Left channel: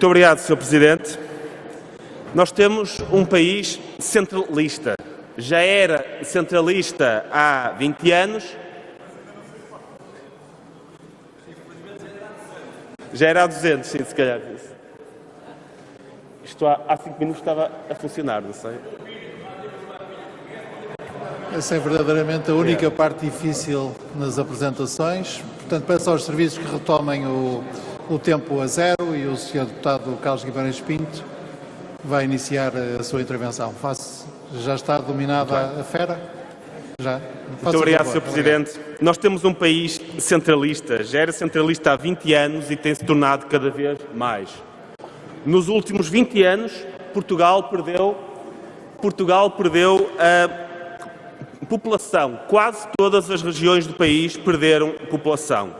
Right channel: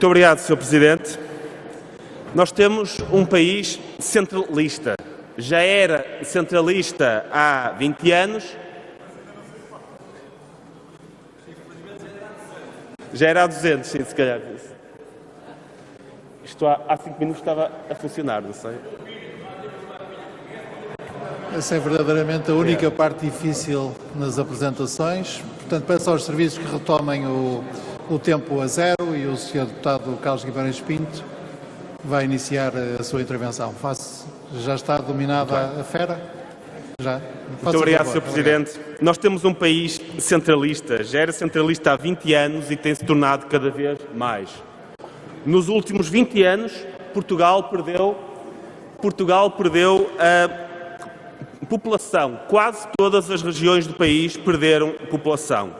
Muito obrigado, Sr. Presidente. Nós temos um país centralista. Já era centralista há 20 anos. Já era há 200, sim, se calhar. Isto há 5 minutos estava a funcionar, não sei. Essa é verdadeiramente a única parte difícil nas apresentações. Portanto, peço aos serviços que retomem o tempo a zero e o Sr. Deputado Carlos Guimarães Pinto vai iniciar a sua intervenção. Já está dominada a fera? Já. Muito obrigado, Sr. Presidente. Nós temos um país centralista. Já era centralista há 20 anos e tem-se tornado cada vez mais. Nos últimos 20 anos, Portugal perdeu a população. Quase todas as regiões do país perderam população.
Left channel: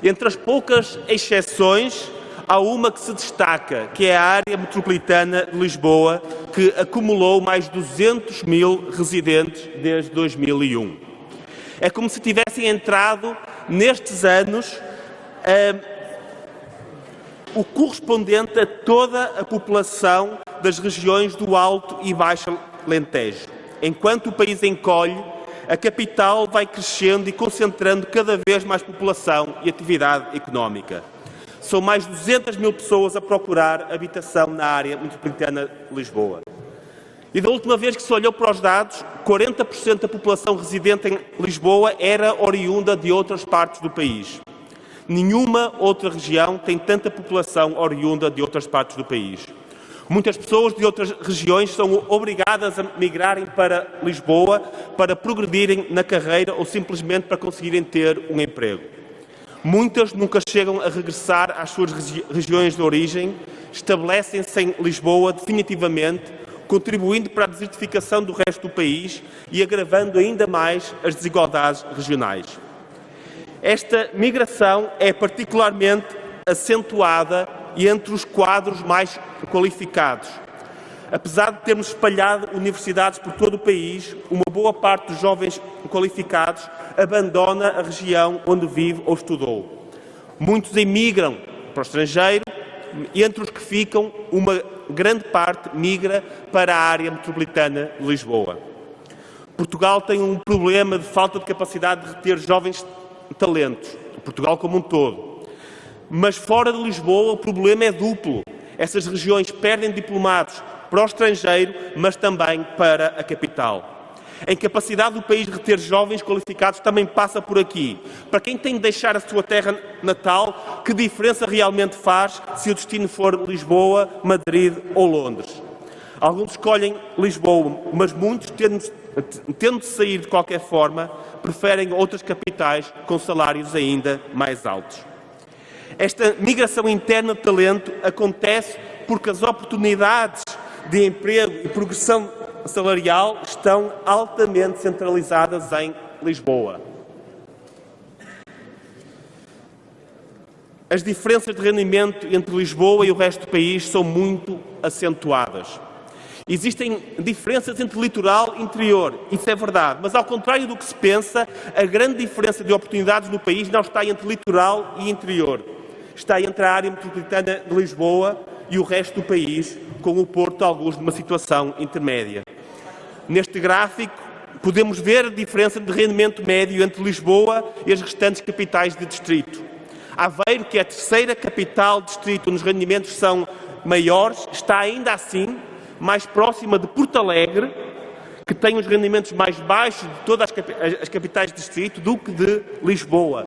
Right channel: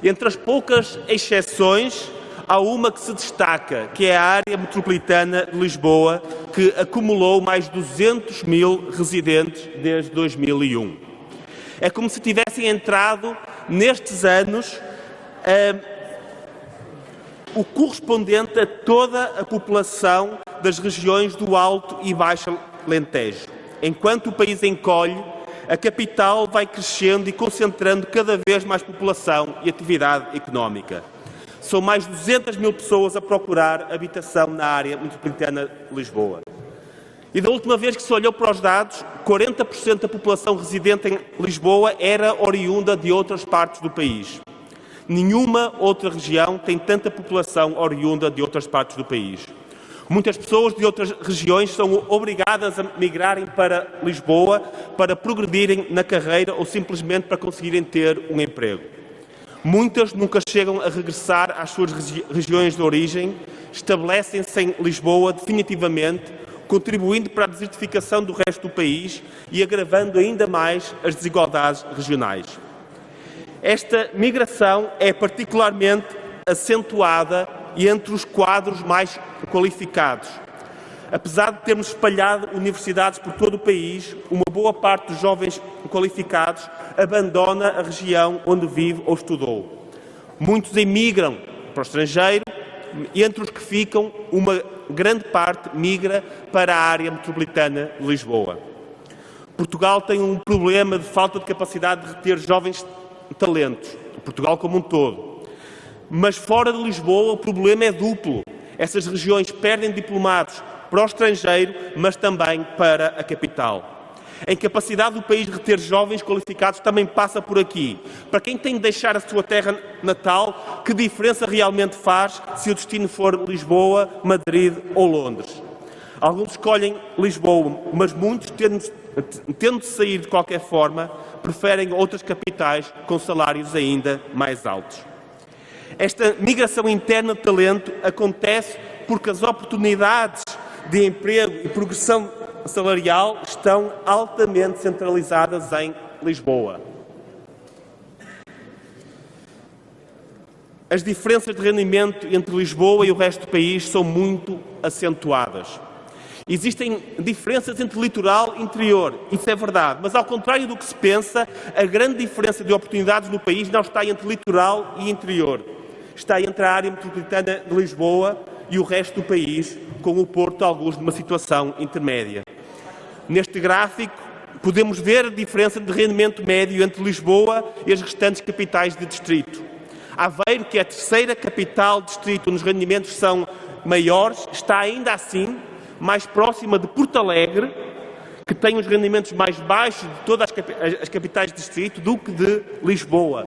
Entre as poucas exceções, há uma que se destaca, que é a área metropolitana de Lisboa, que acumulou mais de 200 mil residentes desde 2001. É como se tivessem entrado, nestes anos, o correspondente a toda a população das regiões do Alto e Baixo Alentejo. Enquanto o país encolhe, a capital vai crescendo e concentrando cada vez mais população e atividade económica. São mais de 200 mil pessoas a procurar habitação na área metropolitana de Lisboa. E da última vez que se olhou para os dados, 40% da população residente em Lisboa era oriunda de outras partes do país. Nenhuma outra região tem tanta população oriunda de outras partes do país. Muitas pessoas de outras regiões são obrigadas a migrarem para Lisboa para progredirem na carreira ou simplesmente para conseguirem ter um emprego. Muitas nunca chegam a regressar às suas regiões de origem, estabelecem-se em Lisboa definitivamente, contribuindo para a desertificação do resto do país e agravando ainda mais as desigualdades regionais. Esta migração é particularmente acentuada entre os quadros mais qualificados. Apesar de termos espalhado universidades por todo o país, uma boa parte dos jovens qualificados abandona a região onde vive ou estudou. Muitos emigram para o estrangeiro e entre os que ficam, uma grande parte migra para a área metropolitana de Lisboa. Portugal tem um problema de falta de capacidade de reter jovens talentos, Portugal como um todo. Mas fora de Lisboa o problema é duplo. Essas regiões perdem diplomados para o estrangeiro, mas também para a capital. A incapacidade do país de reter jovens qualificados também passa por aqui. Para quem tem de deixar a sua terra natal, que diferença realmente faz se o destino for Lisboa, Madrid ou Londres? Alguns escolhem Lisboa, mas muitos, tendo de sair de qualquer forma, preferem outras capitais com salários ainda mais altos. Esta migração interna de talento acontece porque as oportunidades de emprego e progressão salarial estão altamente centralizadas em Lisboa. As diferenças de rendimento entre Lisboa e o resto do país são muito acentuadas. Existem diferenças entre litoral e interior, isso é verdade, mas ao contrário do que se pensa, a grande diferença de oportunidades no país não está entre litoral e interior. Está entre a área metropolitana de Lisboa e o resto do país, com o Porto, alguns numa situação intermédia. Neste gráfico, podemos ver a diferença de rendimento médio entre Lisboa e as restantes capitais de distrito. Aveiro, que é a terceira capital de distrito onde os rendimentos são maiores, está ainda assim mais próxima de Porto Alegre, que tem os rendimentos mais baixos de todas as capitais de distrito, do que de Lisboa.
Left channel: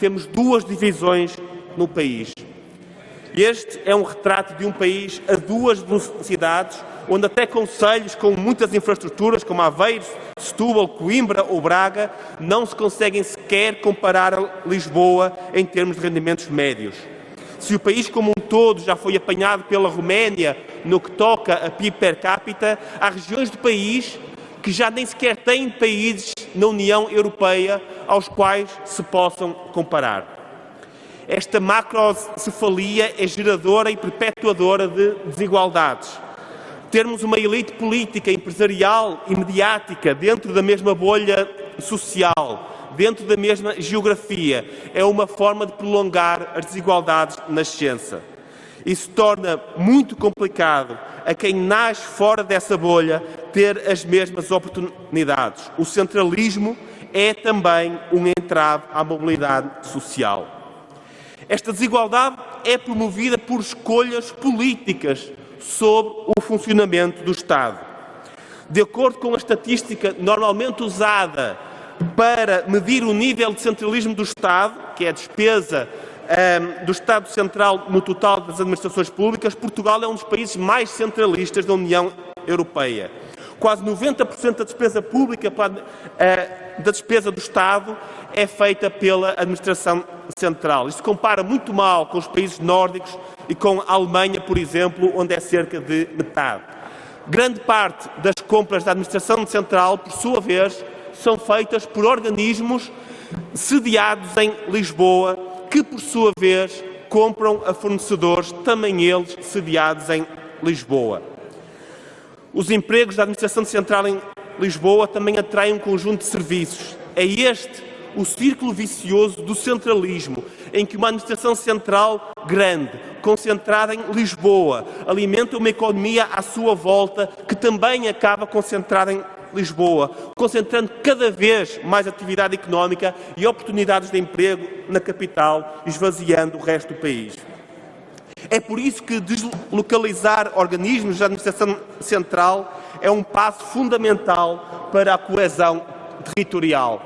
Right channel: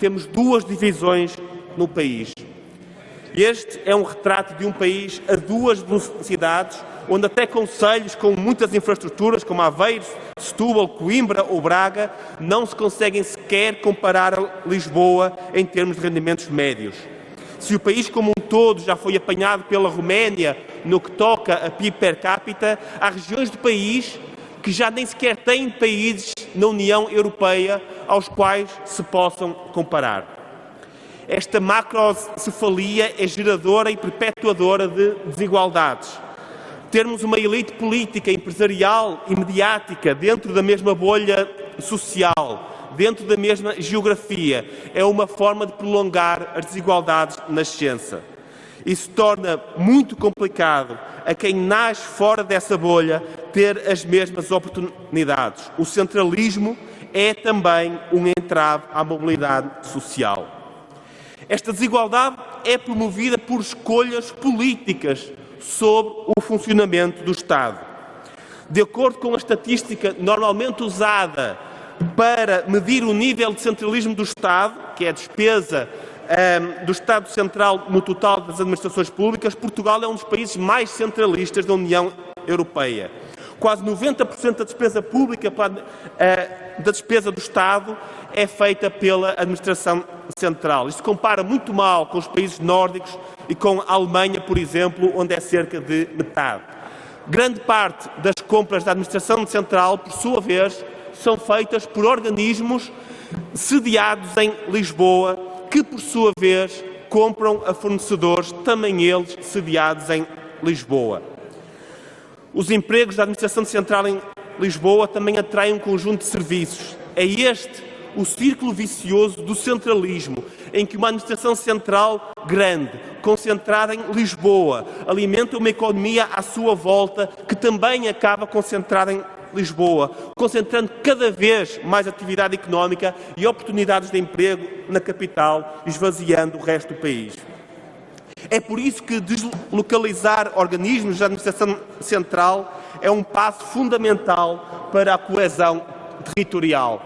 Temos duas divisões no país. Este é um retrato de um país a duas velocidades, onde até concelhos com muitas infraestruturas, como Aveiro, Setúbal, Coimbra ou Braga, não se conseguem sequer comparar a Lisboa em termos de rendimentos médios. Se o país como um todo já foi apanhado pela Roménia no que toca a PIB per capita, há regiões do país que já nem sequer têm países na União Europeia aos quais se possam comparar. Esta macrocefalia é geradora e perpetuadora de desigualdades. Termos uma elite política, empresarial e mediática dentro da mesma bolha social, dentro da mesma geografia, é uma forma de prolongar as desigualdades na nascença. e se torna muito complicado a quem nasce fora dessa bolha ter as mesmas oportunidades. O centralismo é também um entrave à mobilidade social. Esta desigualdade é promovida por escolhas políticas sobre o funcionamento do Estado. De acordo com a estatística normalmente usada para medir o nível de centralismo do Estado, que é a despesa do Estado Central no total das administrações públicas, Portugal é um dos países mais centralistas da União Europeia. Quase 90% da despesa pública, da despesa do Estado, é feita pela administração central. Isto compara muito mal com os países nórdicos e com a Alemanha, por exemplo, onde é cerca de metade. Grande parte das compras da administração central, por sua vez, são feitas por organismos sediados em Lisboa, que, por sua vez, compram a fornecedores, também eles sediados em Lisboa. Os empregos da administração central em Lisboa também atraem um conjunto de serviços. É este o círculo vicioso do centralismo, em que uma administração central grande, concentrada em Lisboa, alimenta uma economia à sua volta, que também acaba concentrada em Lisboa, concentrando cada vez mais atividade económica e oportunidades de emprego na capital, esvaziando o resto do país. É por isso que deslocalizar organismos da administração central é um passo fundamental para a coesão territorial.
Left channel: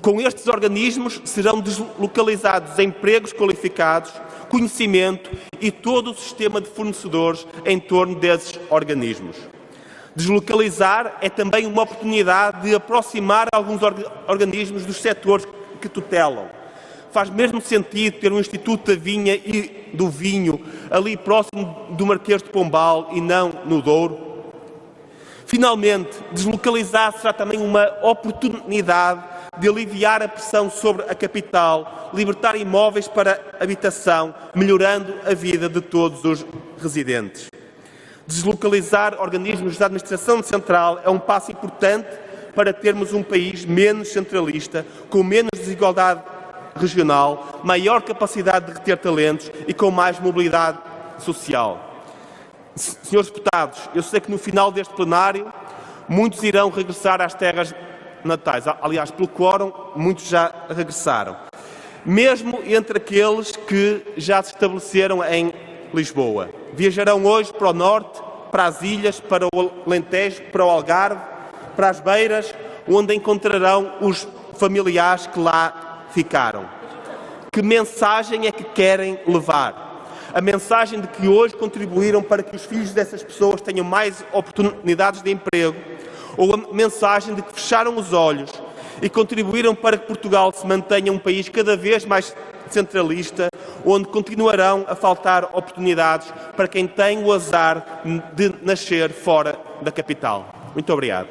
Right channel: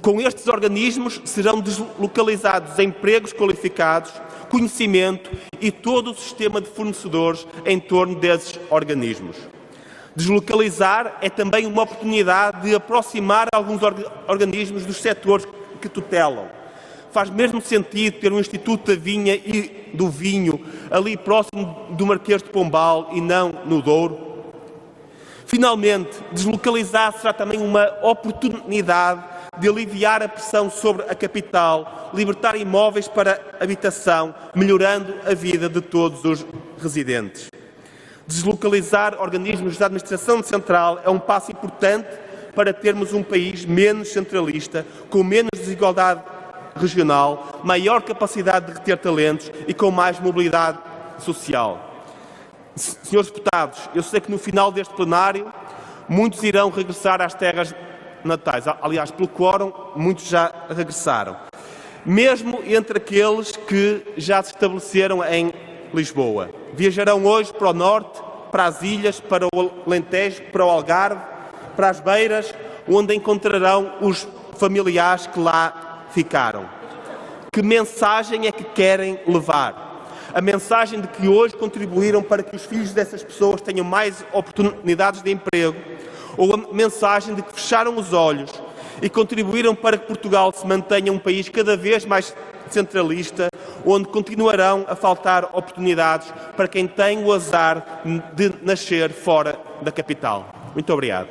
Com estes organismos serão deslocalizados empregos qualificados, conhecimento e todo o sistema de fornecedores em torno desses organismos. Deslocalizar é também uma oportunidade de aproximar alguns organismos dos setores que tutelam. Faz mesmo sentido ter um Instituto da Vinha e do Vinho ali próximo do Marquês de Pombal e não no Douro? Finalmente, deslocalizar será também uma oportunidade de aliviar a pressão sobre a capital, libertar imóveis para habitação, melhorando a vida de todos os residentes. Deslocalizar organismos da administração central é um passo importante para termos um país menos centralista, com menos desigualdade regional, maior capacidade de reter talentos e com mais mobilidade social. Senhores deputados, eu sei que no final deste plenário muitos irão regressar às terras natais. Aliás, pelo quórum, muitos já regressaram. Mesmo entre aqueles que já se estabeleceram em Lisboa. Viajarão hoje para o norte, para as ilhas, para o Alentejo, para o Algarve, para as beiras, onde encontrarão os familiares que lá ficaram. Que mensagem é que querem levar? A mensagem de que hoje contribuíram para que os filhos dessas pessoas tenham mais oportunidades de emprego? Ou a mensagem de que fecharam os olhos e contribuíram para que Portugal se mantenha um país cada vez mais centralista, onde continuarão a faltar oportunidades para quem tem o azar de nascer fora da capital? Muito obrigado.